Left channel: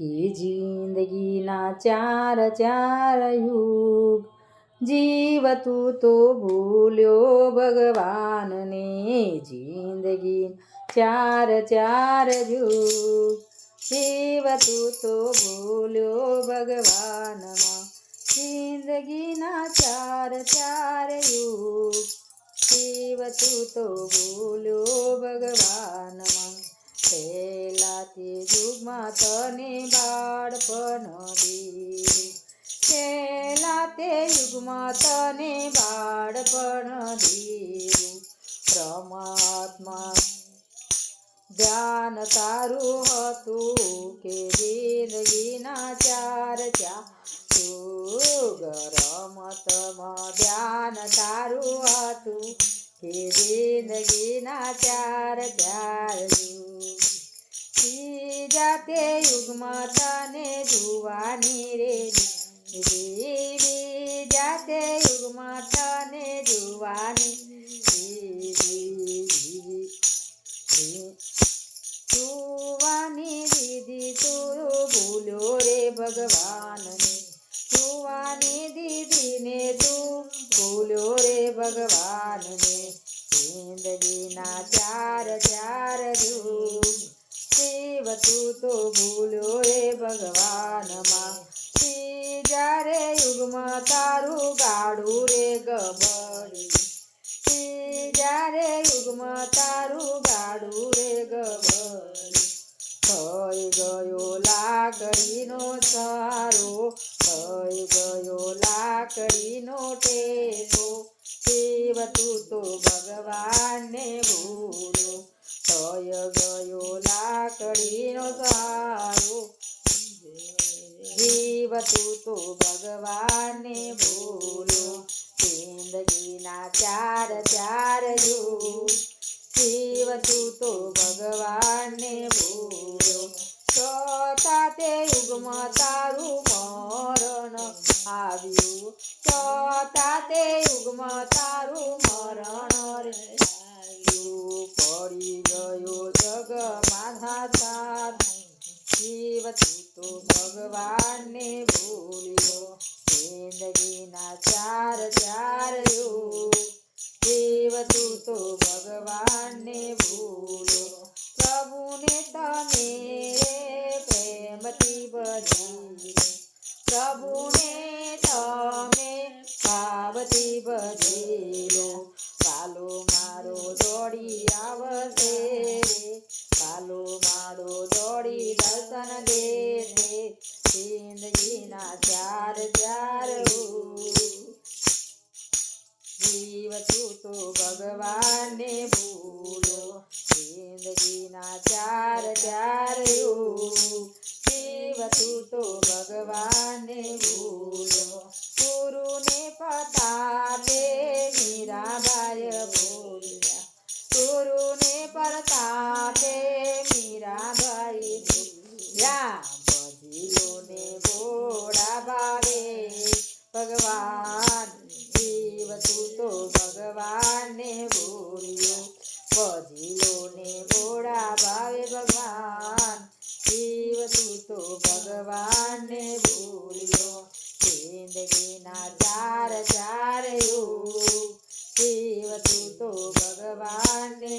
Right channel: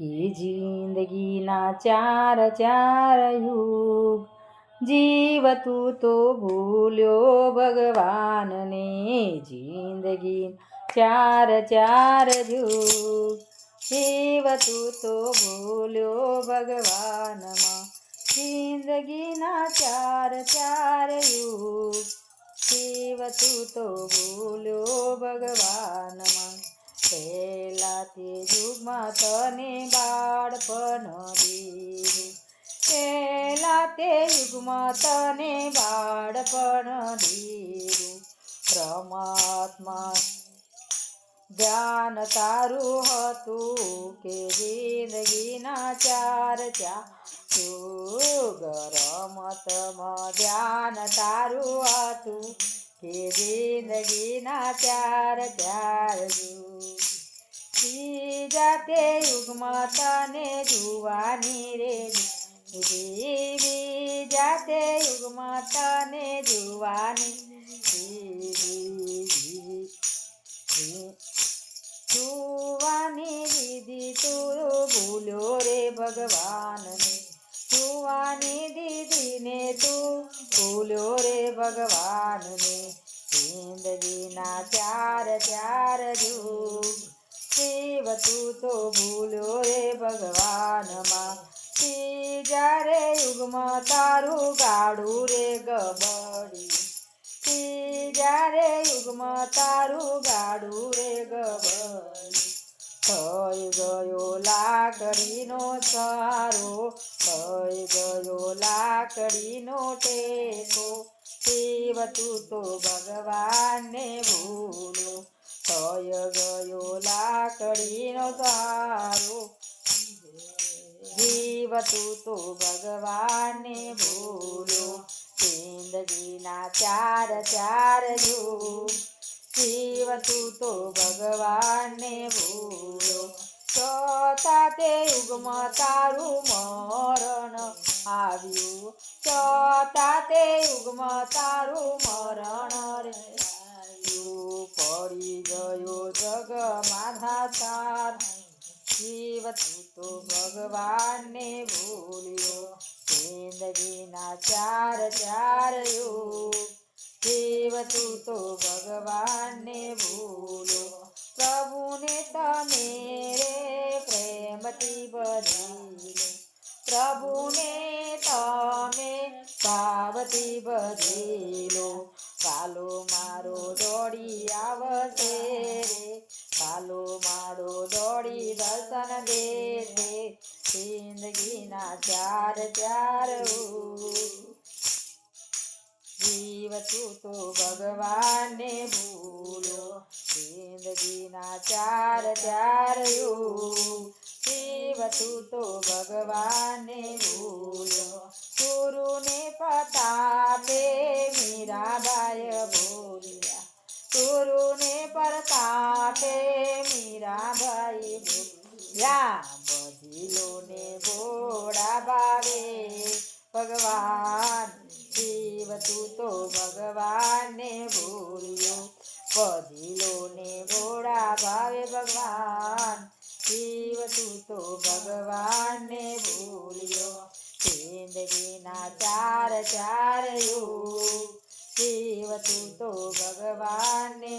કે જિંદગીના ચાર ચાર યુગ. જીવ તું ભૂલ્યો ભગવાનને, જિંદગી ચાર ચાર યુગ. જીવ તું ભૂલ્યો ભગવાનમાં જિંદગીના ચાર ચાર યુગ. જીવ તું તો ભૂલ્યો ભગવાનમાં પહેલા તે યુગમાં તને બાળપણ દીધું. પહેલા તે યુગમાં તને બાળપણ દીધું. પરમાત્મા ધ્યાન તારું હતું કે જિંદગીના ચાર ચાર રમતમાં ધ્યાન તારું હતું. કે જિંદગીના ચાર ચાર યુગ ત્રીજા તે યુગમાં તને જુવાની રે જીવી જાતે યુગમાં તને જુવાની જુવાની દીદી તું ભૂલ્યો રે ભગવાનને ભૂલ્યો રે ભગવાનને જિંદગીના ચાર ચાર જુગ શિવ તું તો ભૂલ્યો રે ભગવાનમાં. જ્યારે યુગમાં તારું ગાડું રે ગબડી. જ્યારે યુગમાં તારું ગાડું રે ગબડી. થઈ ગયો લાકડીનો સારો, થઈ ગયો લાકડીનો ટેકો. શિવ તું તો ભગવાનને ભૂલો. થઈ ગયો લાકડીનો સારો. જીવ તું તો ભગવાનને ભૂલો. જિંદગીના ચાર ચાર યુગ. જીવ તું ભગવાનને ભૂલો. ચોથા તે યુગમાં તારું મરણ આવ્યું. ચોથા તે યુગમાં તારું મરણ રે પડી ગયો જગ માધા તાર. જીવ તું ભગવાનને ભૂલ્યો. જિંદગીના ચાર ચાર તું તો ભગવાનને ભૂલો. પ્રભુને તમે રે પ્રેમથી બધી પ્રભુને તમે ભાવથી બધી પાલો મારો દોડી આવશે રે. પાલો મારો દોડી દર્શન દે જિંદગીના ચાર ચાર જીવ તું તો ભગવાનને ભૂલો. જિંદગીના ચાર ચાર જીવ તું ભગવાનને ભૂલો. ગુરુને પતાપે મીરાબાઈ બોલ્યા. ગુરુને પરતાપે મીરાબાઈ ભૂલ્યા બદીલોને ભોળા ભાવે ભગવાન તું તો ભગવાનને ભૂલ્યો જિંદગીના ચાર ચાર યુગ શિવ તું તો ભગવાનને